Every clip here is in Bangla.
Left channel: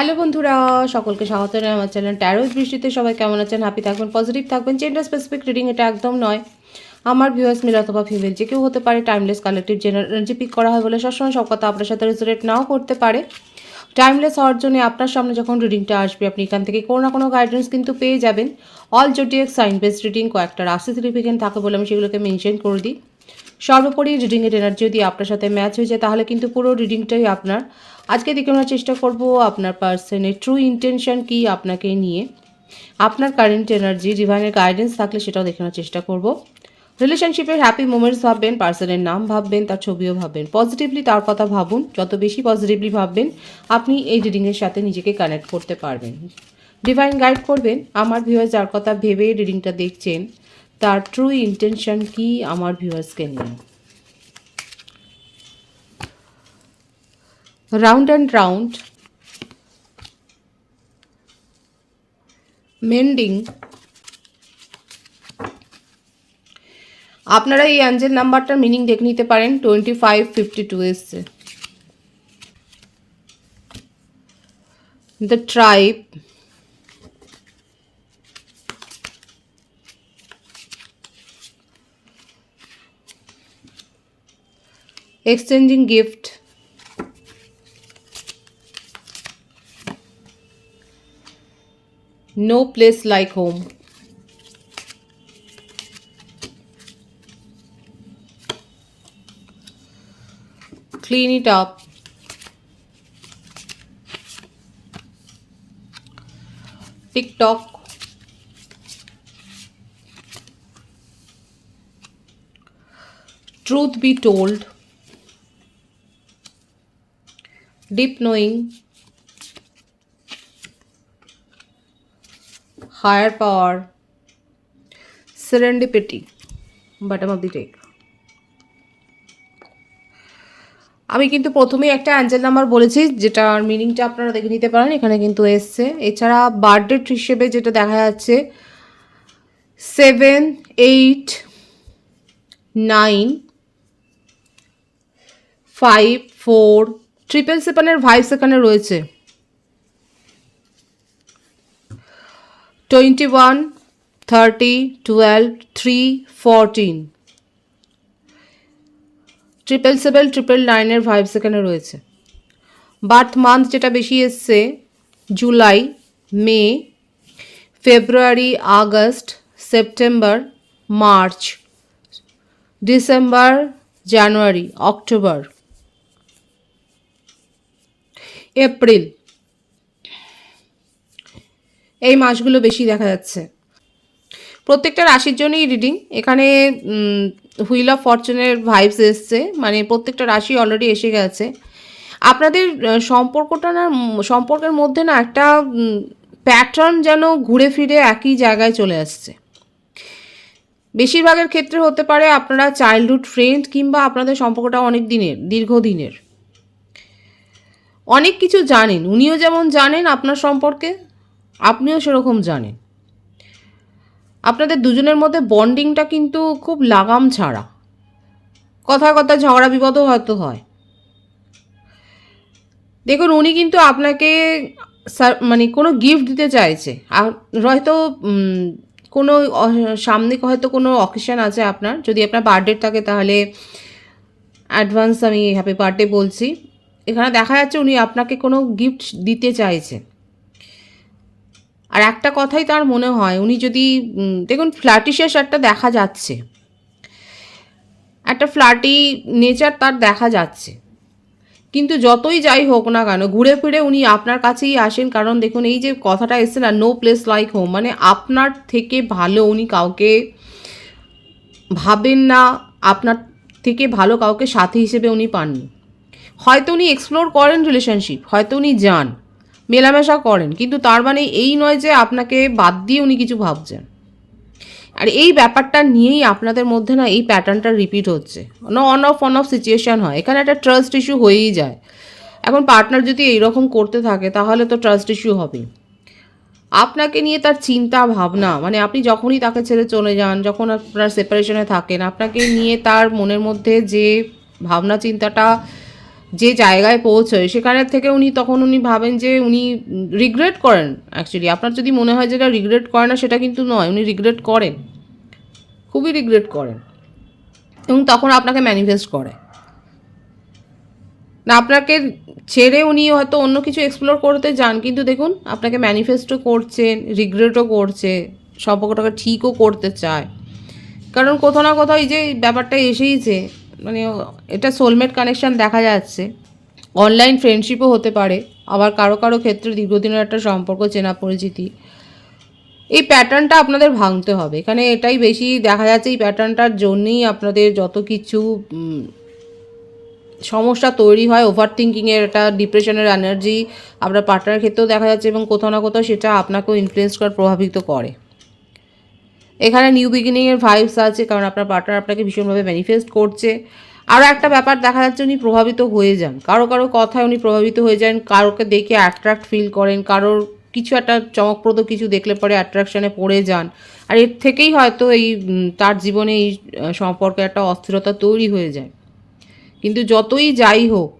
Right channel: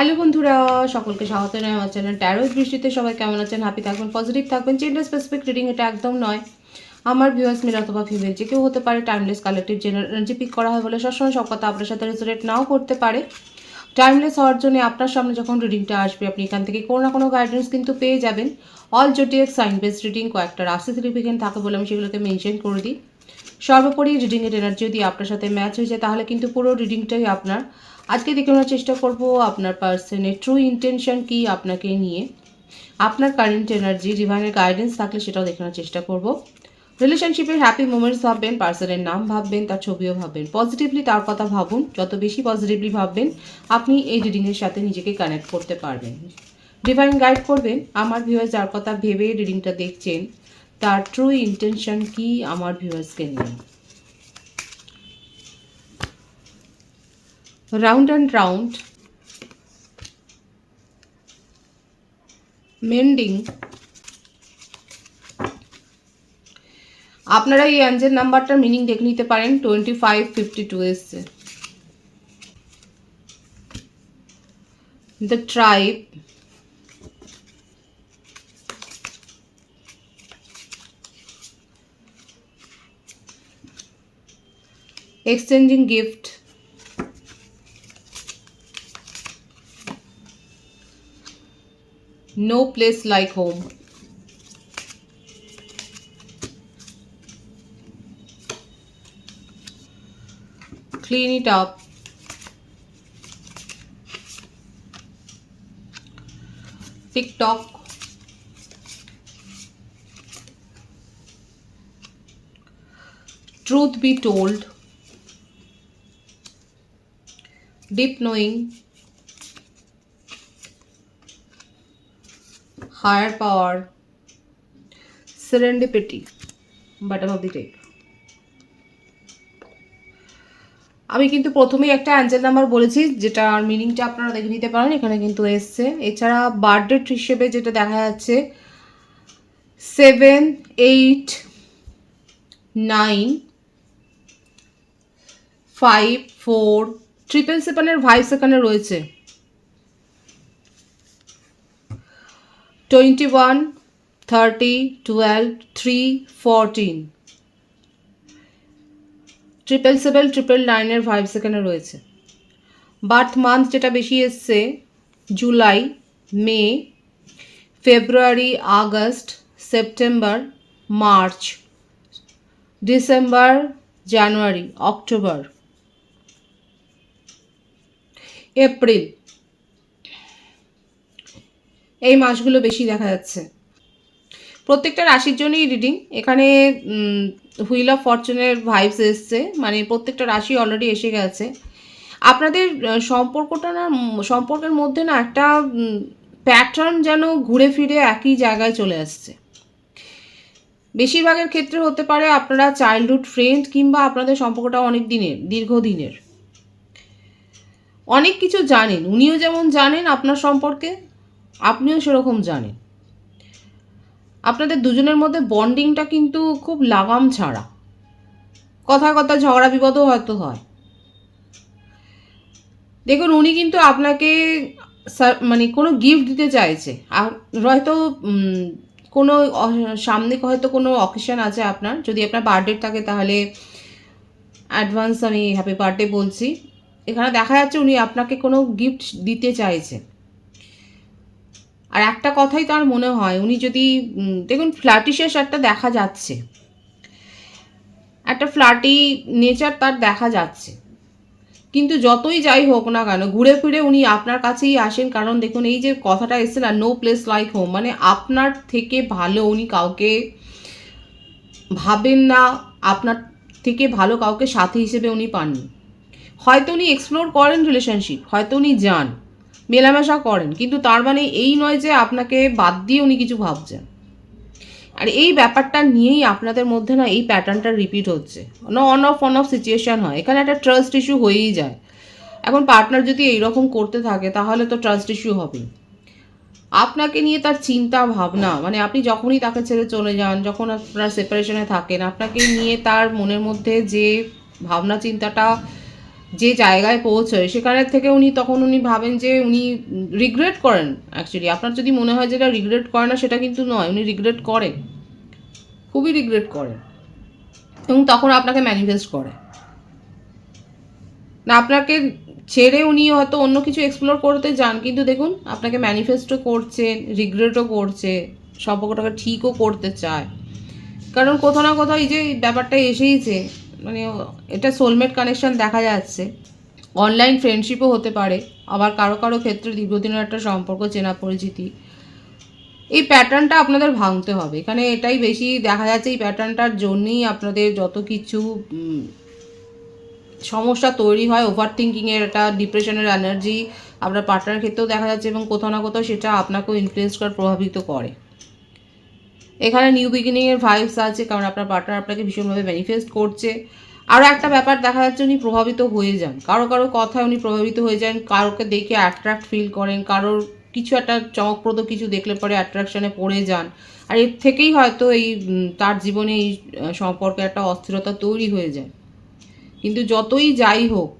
হ্যালো বন্ধুরা, সকলকে স্বাগত জানাই আমার চ্যানেল ট্যারোজ বৃষ্টিতে সবাই কেমন আছেন? হ্যাপি থাকবেন পজিটিভ থাকবেন জেন্ডার স্পেসিফিক রিডিং এটা একদম নয়। আমার ভিউয়ার্স মিল অথবা ফিমেল যে কেউ হতে পারে টাইমলেস কালেক্টিভ জেনারেল পিক করা হয় বলে সবসময় সব কথা আপনার সাথে রেজোরেট নাও করতে পারে। টাইমলেস হওয়ার জন্য আপনার সামনে যখন রিডিংটা আসবে, আপনি এখান থেকে কোনো না কোনো গাইডেন্স কিন্তু পেয়ে যাবেন। All zodiac sign based reading কয়েকটা রাশি সিগনিফিকেন্ট থাকে বলে আমি সেগুলোকে মেনশন করে দিই। সর্বোপরি রিডিংয়ের এনার্জি যদি আপনার সাথে ম্যাচ হয়ে যায়, তাহলে কিন্তু পুরো রিডিংটাই আপনার। আজকে দেখে নেওয়ার চেষ্টা করব আপনার পার্সনের ট্রু ইন্টেনশন কি আপনাকে নিয়ে। আপনার কারেন্ট এনার্জি ডিভাইনের গাইডেন্স থাকলে সেটাও দেখে নেওয়ার চেষ্টা করব। রিলেশনশিপের হ্যাপি মোমেন্টস ভাববেন পার্সনের নাম ভাববেন, তার ছবিও ভাববেন। পজিটিভলি তার কথা ভাবুন, যত বেশি পজিটিভলি ভাববেন, আপনি এই রিডিংয়ের সাথে নিজেকে কানেক্ট করতে পারবেন। ডিভাইন গাইড করবেন, আমার ভিউয়ার্স যার কথা ভেবে রিডিংটা দেখছেন, তার ট্রু ইন্টেনশন কি আমার ভিউয়ার্সকে নিয়ে। রাউন্ড অ্যান্ড রাউন্ড মেন্ডিং আপনারা এই অ্যাঞ্জেল নাম্বারটার মিনিং দেখে নিতে পারেন টোয়েন্টি ফাইভ ফিফটি টু এসছে। The tribe exchanging gift no place like home clean it up. Tiktok. Truth be told deep knowing higher power serendipity bottom of the deck আমি কিন্তু প্রথমেই একটা অ্যাঞ্জেল নাম্বার বলেছি, যেটার মিনিংটা আপনারা দেখে নিতে পারেন, এখানে কিন্তু এসছে। এছাড়া বার্থডেট হিসেবে যেটা দেখা যাচ্ছে seven eight nine five four triple সেভেনের ভাইভ সেখানে রয়েছে। Twenty one thirty twelve three fourteen triple seven triple নাইনের ভাইভ সেখানে রয়েছে। বার্থ মান্থ যেটা বেশি এসছে July May February August September March December January October April এই মাসগুলো বেশি দেখা যাচ্ছে। প্রত্যেকটা রাশির জন্যই রিডিং এখানে হুইল অফ ফরচুনের ভাইবস এসছে। মানে প্রত্যেকটা রাশি অলরেডি এসে গেছে। আপনাদের সম্পর্কটা না, সম্পর্কের মধ্যে না একটা প্যাটার্ন যেন ঘুরে ফিরে একই জায়গায় চলে আসছে। বেশিরভাগের ক্ষেত্রে হতে পারে আপনারা চাইল্ডহুড ফ্রেন্ড কিংবা আপনাদের সম্পর্কটা অনেক দিনের, দীর্ঘদিনের। অনেক কিছু জানেন। উনিও যেমন জানেন আপনার সম্পর্কে, আপনিও সেরকম জানেন। আপনাদের দুজনের মধ্যে বন্ডিংটা কিন্তু খুব লাগাম ছাড়া। কথা কথা ঝগড়া বিপদও হয়তো হয়। দেখুন, উনি কিন্তু আপনাকে মানে কোনো গিফট দিতে চাইছে। আর হয়তো কোনো সামনে হয়তো কোনো অকেশন আছে আপনার। যদি আপনার বার্থডে থাকে তাহলে অ্যাডভান্স আমি হ্যাপি বার্থডে বলছি। এখানে দেখা যাচ্ছে উনি আপনাকে কোনো গিফট দিতে চাইছেন আর একটা কথাই তার মনে হয়, উনি যদি দেখুন ফ্ল্যাটিশেষ একটা দেখা যাচ্ছে। একটা ফ্ল্যাটি নেচার তার দেখা যাচ্ছে। কিন্তু যতই যাই হোক না কেন, ঘুরে ফিরে উনি আপনার কাছেই আসেন। কারণ দেখুন, এই যে কথাটা এসছে না নো প্লেস লাইক হোম মানে আপনার থেকে ভালো উনি কাউকে ভাবেন না, আপনার থেকে ভালো কাউকে সাথী হিসেবে উনি পাননি। হয়তো উনি এক্সপ্লোর করেন রিলেশনশিপ হয়তো উনি যান। মেলামেশা করেন। কিন্তু তার মানে এই নয় যে আপনাকে বাদ দিয়ে উনি কিছু ভাবছেন। আর এই ব্যাপারটা নিয়েই আপনাদের মধ্যে না এই প্যাটার্নটা রিপিট হচ্ছে। না on off on off situation হয়। এখানে একটা ট্রাস্ট ইস্যু হয়েই যায়। এখন পার্টনার যদি এইরকম করতে থাকে, তাহলে তো ট্রাস্ট ইস্যু হবেই। আপনাকে নিয়ে তার চিন্তা, ভাবনা মানে আপনি যখনই তাকে ছেড়ে চলে যান, যখন আপনার সেপারেশনে থাকেন, আপনাকে নিয়ে তার মনের মধ্যে যে ভাবনা, চিন্তাটা যে জায়গায় পৌঁছয়, সেখানের থেকে উনি তখন উনি ভাবেন যে উনি রিগ্রেট করেন অ্যাকচুয়ালি আপনার যদি মনে হয় যেটা রিগ্রেট করে না, সেটা কিন্তু নয়। উনি রিগ্রেট করেন। খুবই রিগ্রেট করেন। এবং তখন আপনাকে ম্যানিফেস্ট করে। না, আপনাকে ছেড়ে উনি হয়তো অন্য কিছু এক্সপ্লোর করতে যান, কিন্তু দেখুন, আপনাকে ম্যানিফেস্টও করছেন রিগ্রেটও করছে সম্পর্কটাকে ঠিকও করতে চায়। কারণ কোথাও না কোথাও এই যে ব্যাপারটা এসেইছে মানে এটা সোলমেট কানেকশন দেখা যাচ্ছে। অনলাইন ফ্রেন্ডশিপও হতে পারে, আবার কারও কারও ক্ষেত্রে দীর্ঘদিনের একটা সম্পর্ক চেনা পরিচিতি। এই প্যাটার্নটা আপনাদের ভাঙতে হবে। এখানে এটাই বেশি দেখা যাচ্ছে, এই প্যাটার্নটার জন্যই আপনাদের যত কিছু সমস্যা তৈরি হয় ওভার থিঙ্কিংয়ের একটা ডিপ্রেশনের এনার্জি আপনার পার্টনারের ক্ষেত্রেও দেখা যাচ্ছে এবং কোথাও না কোথাও সেটা আপনাকেও ইনফ্লুয়েন্স করে প্রভাবিত করে। এখানে নিউ বিগিনিংয়ের ভাইবস আছে, কারণ আপনার পার্টনার আপনাকে ভীষণভাবে ম্যানিফেস্ট করছে। আরও একটা ব্যাপার দেখা যাচ্ছে, উনি প্রভাবিত হয়ে যান। কারও কারও কথায় উনি প্রভাবিত হয়ে যান, কারোকে দেখে অ্যাট্রাক্ট ফিল করেন, কারোর কিছু একটা চমকপ্রদ কিছু দেখলে পরে অ্যাট্রাকশনে পড়ে যান। আর এর থেকেই হয়তো এই তার জীবনে এই সম্পর্কে একটা অস্থিরতা তৈরি হয়ে যায়। কিন্তু যতই যাই হোক,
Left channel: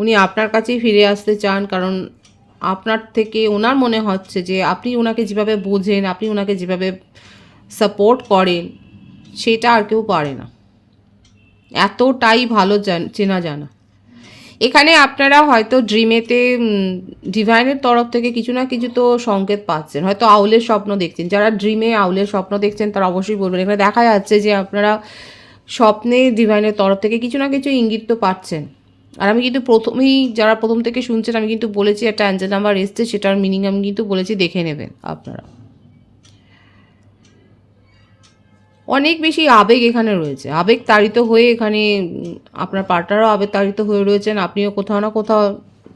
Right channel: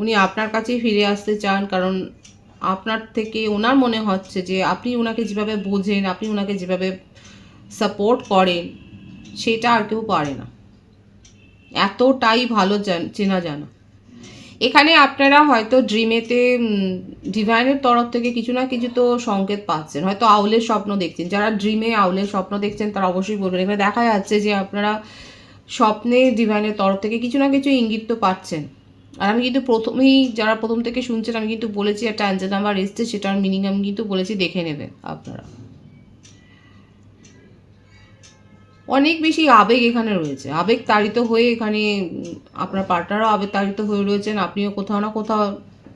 উনি আপনার কাছেই ফিরে আসতে চান, কারণ আপনার থেকে ওনার মনে হচ্ছে যে আপনি ওনাকে যেভাবে বোঝেন, আপনি ওনাকে যেভাবে সাপোর্ট করেন, সেটা আর কেউ পারে না। এতটাই ভালো চেনা জানা। এখানে আপনারা হয়তো ড্রিমেতে ডিভাইনের তরফ থেকে কিছু না কিছু তো সংকেত পাচ্ছেন। হয়তো আউলের স্বপ্ন দেখছেন। যারা ড্রিমে আউলের স্বপ্ন দেখছেন, তারা অবশ্যই বলবেন। এখানে দেখা যাচ্ছে যে আপনারা স্বপ্নে ডিভাইনের তরফ থেকে কিছু না কিছু ইঙ্গিত তো পাচ্ছেন। আর আমি কিন্তু প্রথমেই যারা প্রথম থেকে শুনছেন, আমি কিন্তু বলেছি একটা অ্যান্সার নাম্বার এসছে, সেটার মিনিং আমি কিন্তু বলেছি, দেখে নেবেন আপনারা। অনেক বেশি আবেগ এখানে রয়েছে। আবেগ তাড়িত হয়ে এখানে আপনার পার্টনারও আবেগ তাড়িত হয়ে রয়েছেন, আপনিও কোথাও না কোথাও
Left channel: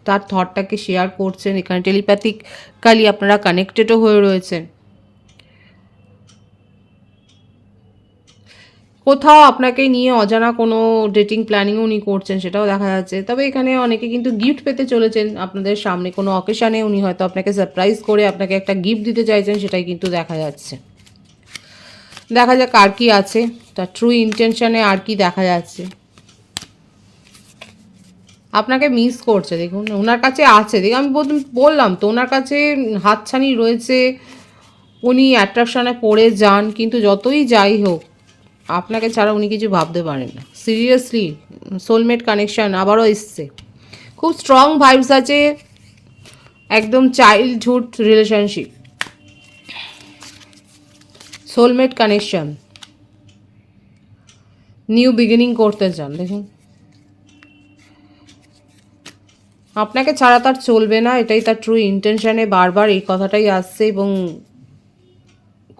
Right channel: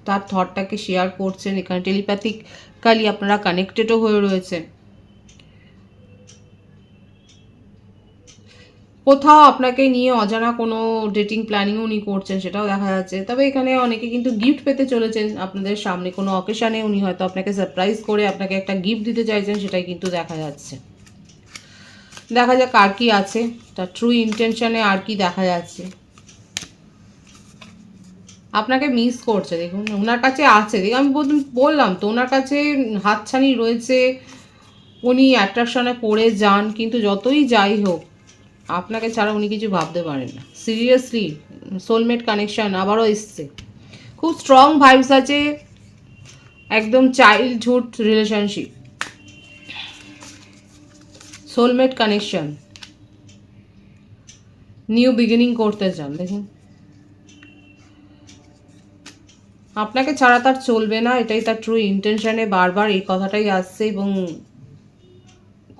তার থটটাকে শেয়ার করছেন, এখানে টেলিপ্যাথিক্যালি আপনারা কানেক্টেডও হয়ে রয়েছেন। কোথাও আপনাকে নিয়ে অজানা কোনো ডেটিং প্ল্যানিং উনি করছেন, সেটাও দেখা যাচ্ছে। তবে এখানে অনেকে কিন্তু গিফট পেতে চলেছেন। আপনাদের সামনে কোনো অকেশানে উনি হয়তো আপনাকে সারপ্রাইজ করে আপনাকে একটা গিফট দিতে চাইছেন, সেটাই কিন্তু দেখা যাচ্ছে। দেখা যাক আর কি আছে। তার ট্রু ইন্টেনশনে আর কি দেখা যাচ্ছে। আপনাকে মিস করছে, দেখুন। ওনার কাছে আছে। দেখুন, আমি বল- বললাম তো, ওনার কাছে হাতছানি রয়েছে। উনি অ্যাট্রাকশনে পড়ে যান, কিন্তু যতই যাই হোক আপনাকে ছাড়া উনি কিছু ভাবতে পারেন না। সিরিয়াসলি সোলমেট কানেকশন আবারও এসছে। খুব স্ট্রং ভাইবস আছে একদম childhood relationship soulmate connection new beginning করতে চান, দেখুন। আপনাকে ছাড়া তার চলবে না, এটাই তার ট্রু ইন্টেনশনে বারবার এই কথাটাই আসছে এবং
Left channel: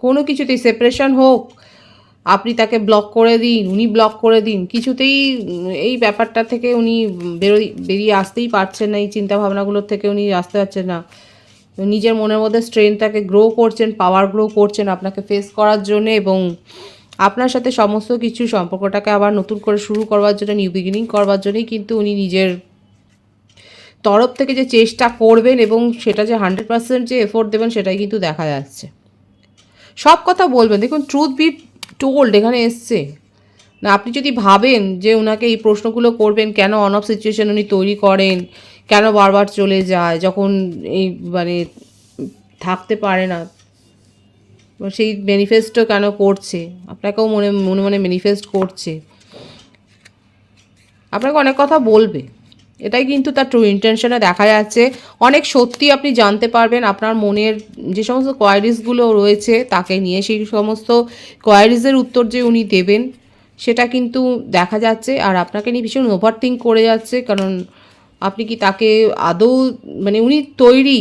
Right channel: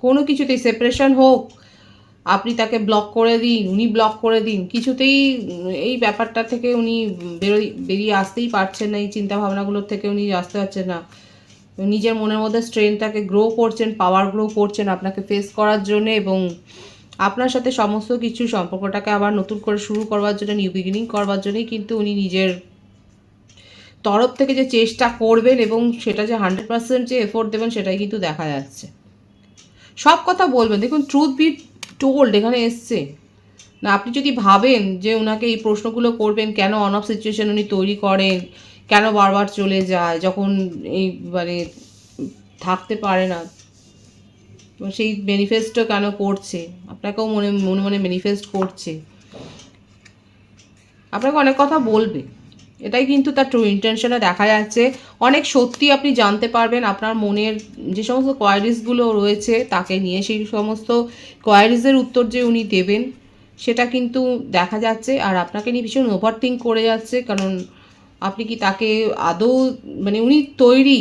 কোনো কিছুতেই সেপারেশন হোক আপনি তাকে ব্লক করে দিন, উনি ব্লক করে দিন, কিছুতেই এই ব্যাপারটা থেকে উনি বেরোই, বেরিয়ে আসতেই পারছেন না, এই চিন্তা ভাবনাগুলোর থেকে উনি আসতে পারছেন না। নিজের মনের মধ্যে স্ট্রেনটাকে গ্রো করছেন পাওয়ার গ্রো করছেন আপনাকে ফেস করার জন্য এবং আপনার সাথে সমস্ত কিছু সম্পর্কটাকে আবার নতুন করে শুরু করবার জন্য নিউ বিগিনিং করবার জন্যই কিন্তু উনি নিজের তরফ থেকে যে চেষ্টা করবেন এবং সেটা যে হান্ড্রেড পার্সেন্ট যে এফোর্ট দেবেন সেটাই কিন্তু দেখা যাচ্ছে। সব কথা বলবেন। দেখুন ট্রুথ বি টোল্ড এখানে এসছে। না, আপনি যদি ভাবেন যে ওনাকে এই প্রশ্নগুলো করবেন, কেন অন অফ সিচুয়েশন উনি তৈরি করেন, কেন বারবার চলে যায়, যখন এই মানে থাকতে পারে না বা সেই ম্যানিফেস্টও কেন করছে? আপনাকেও মনে মনে মনে ম্যানিফেস্ট করছে। আপনাকে অনেক কথা বলবে। এটাই কিন্তু তার ট্রু ইন্টেনশনে দেখা যাচ্ছে। অনেক সত্যি আপনি জানতে পারবেন, আপনার মনের যে সমস্ত কোয়ারিজগুলো রয়েছে, তাকে নিয়ে সেই সমস্ত কোয়ারিজের উত্তর যে উনি দেবেন, সেটা কিন্তু দেখা যাচ্ছে। আর আপনাকে নিয়ে ভীষণ ওভার থিঙ্ক করে যাচ্ছে, কারণ আপনি কি তাকে আদৌ মানে উনি তৈরি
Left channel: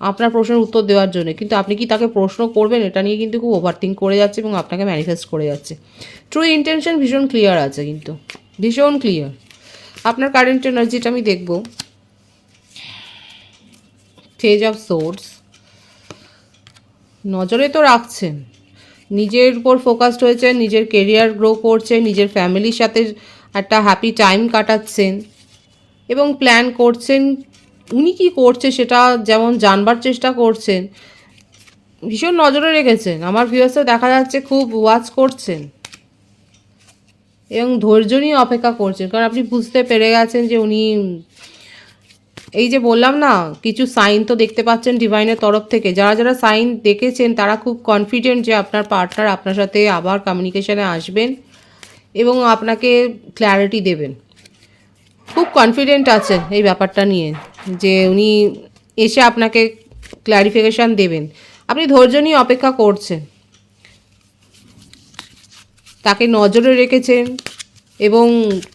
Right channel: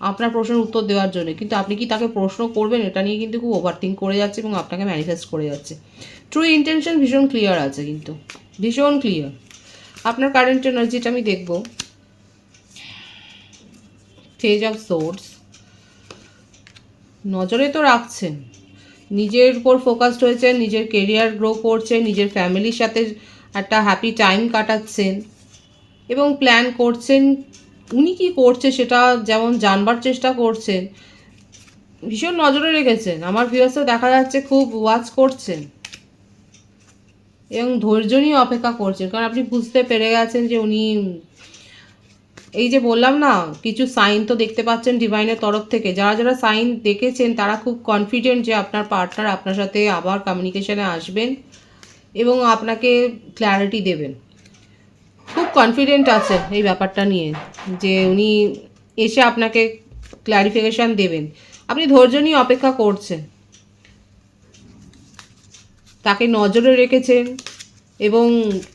আপনার প্রশ্নের উত্তর দেওয়ার জন্য, কিন্তু আপনি কি তাকে প্রশ্ন করবেন, এটা নিয়ে কিন্তু খুব ওভার থিঙ্ক করে যাচ্ছে এবং আপনাকে ম্যানিফেস্ট করে যাচ্ছে। ট্রু ইন্টেনশন ভীষণ ক্লিয়ার আছে কিন্তু, ভীষণ ক্লিয়ার আপনার কারেন্ট এনার্জিটা আমি দেখব। ফেজ অফ সোর্স নজরে তো রাখছেন। নিজের উপর ফোকাসড হয়েছেন, নিজের কেরিয়ার গ্রো করছেন, নিজের ফ্যামিলির সাথে একটা হ্যাপি টাইম কাটাচ্ছেন এবং প্ল্যান করছেন, উনি কি করছে সেটা যেমন জানবার চেষ্টা করছেন, ভীষণ নজরে রেখেছেন। আমার ভিউয়ার্সও দেখা যাচ্ছে খুব ওয়াচ করছেন। এবং ধৈর্য নিয়ে অপেক্ষা করছেন। কারণ আপনি বুঝতে পেরে গেছেন যে উনি, এই যে বললাম না, কিছু সাইন তো দেখতে পাচ্ছেন ডিভাইনের তরফ থেকে। যারা যারা সাইন দেখেছেন, তারা খুব কনফিডেন্ট যে আপনার পার্টনার আপনার সাথে আবার কমিউনিকেশনে আসবেন এবং আপনাকে ক্ল্যারিটি দেবেন। খুব কনফিডেন্ট আছেন এই ব্যাপারটা নিয়ে যে উনি এসে আপনাকে ক্ল্যারিফিকেশান দেবেন। আপনি ধৈর্য নিয়ে অপেক্ষা করছেন। তাকে নজরে রেখেছেন এবং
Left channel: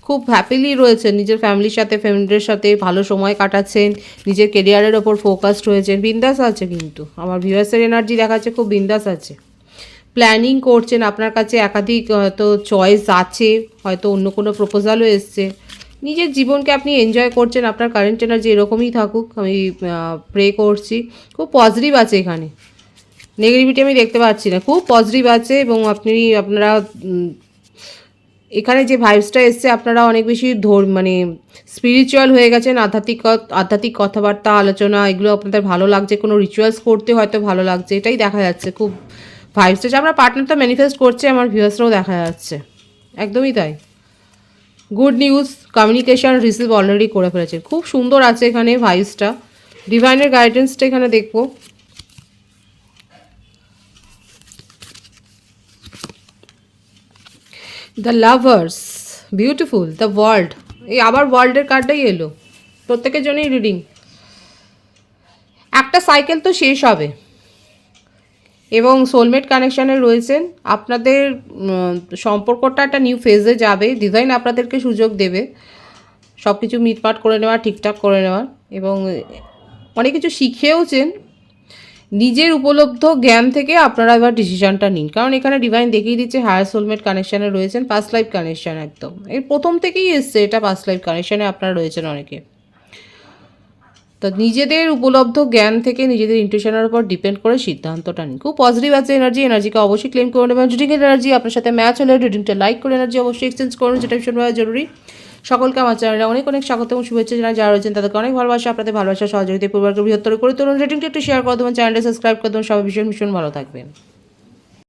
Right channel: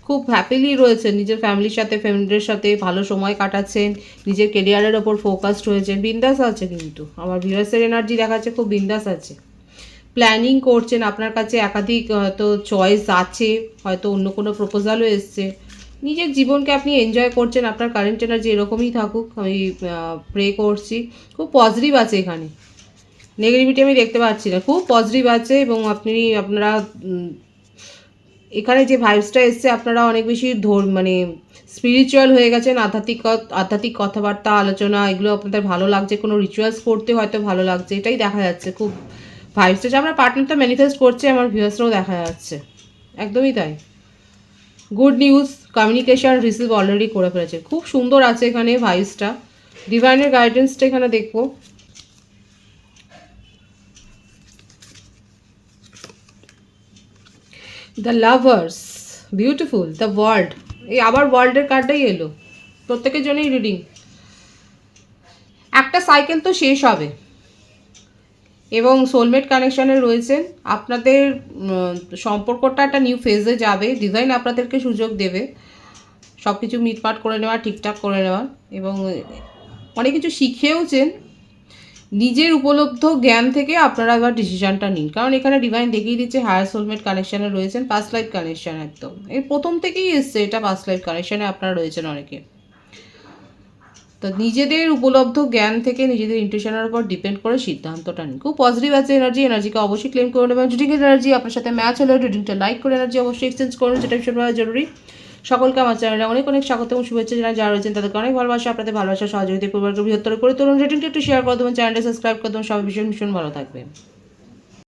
খুব হ্যাপিলি রয়েছেন। নিজের ফ্যামিলির সাথে ফ্যামিলির সাথে ভালো সময় কাটাচ্ছেন। নিজের কেরিয়ারের ওপর ফোকাসড হয়েছেন বিন্দাস আছে কিন্তু। আমার ভিউয়ার্সের এনার্জি দেখাচ্ছে, খুব বিন্দাস আছে। প্ল্যানিং করছেন। আপনার কাছে একাধিক হয়তো চয়েস আছে। হয়তো অন্য কোনো প্রপোজালও এসছে। নিজের জীবনকে আপনি এনজয় করছেন। আপনার কারেন্ট এনার্জি এরকমই থাকুক। আমি প্রে করছি। খুব পজিটিভ আছে এখানে। নেগেটিভিটি আমি দেখতে পাচ্ছি না। খুব পজিটিভ আছে এবং আপনি, আপনারা এখানে যে ভাইবসটা এসছে, আপনারা অনেক বেশি ধর মানে স্পিরিচুয়াল হয়ে গেছেন, আধ্যাত্মিক আধ্যাত্মিক কথাবার্তা, আলোচনা, এগুলো আপনাদের ভালো লাগছে, কোনো রিচুয়ালস করতে হয়তো ভালো লাগছে, এটাই দেখা যাচ্ছে খুব ভাইবসটা যে আমরা পার্টনারটা ম্যানিফেস্ট করছে, আমার ভিউয়ার্সরাও দেখা যাচ্ছে। একদমই তাই। Good news communication receive already করে ফেলেছে। খুব সুন্দর আছে এখানে ভাইবসটা ডিভাইনের গাইডেন্সটা এখানে দেখব। The lovers beautiful the world এই আবার ওয়ার্ল্ডের কার্ডটাই এলো। প্রত্যেকের জন্যই রিডিং একটা সাইকেল তো শেষ হবে। এবং সোলমেট কানেকশানে রয়েছেন আপনাদের সম্পর্কটা একটা নিউ ফেজে যাবে। ডিভাইন আপনাদেরকে সুযোগ দেবে। সব কিছু মিটমাট করে নেওয়া, ঠিকঠাক করে নেওয়ার এবং অনেক কিছু শিখেওছেন। নিজের উপলব্ধ জ্ঞান থেকে আপনারা এবার ডিসিশনটা নিন। কারণ এখানে ডিভাইন দেখিয়ে দিচ্ছে হায়ার সোলমেট কানেকশানে রয়েছেন পাস্ট লাইফ কানেকশান একদম। এর প্রথম থেকেই এসছে এটা পাস্ট লাইফ কানেকশানে আপনারা রয়েছেন অনেকে। তো নিজেদের উপলব্ধ জ্ঞান থেকে নিজেদের ইন্টুশনের উপর ডিপেন্ড করে সিদ্ধান্তটা নিন। খুব পজিটিভ আছে এনার্জি এনার্জিকে অবশ্যই ক্লেম করুন এবং রিডিং এনার্জি আপনার সাথে ম্যাচ হলে রিডিংটা লাইক করে এনার্জি অবশ্যই এক্সচেঞ্জ করুন, যেটা ভীষণভাবে জরুরি। সকলকে আমার চ্যানেলে অনেক অনেক স্বাগত এবং শুভেচ্ছা জানাই। যারা রয়েছেন তাদেরকে অনেক ভালোবাসা, আপনাদের ভালোবাসা সহযোগিতা পূর্বাকে বৃহত্তর করে তুলুন। রেটিংটা একটু শেয়ার করে দেবেন, চ্যানেলটা সাবস্ক্রাইব করে দেবেন। সবাই ভীষণ ভীষণ ভালো থাকবেন।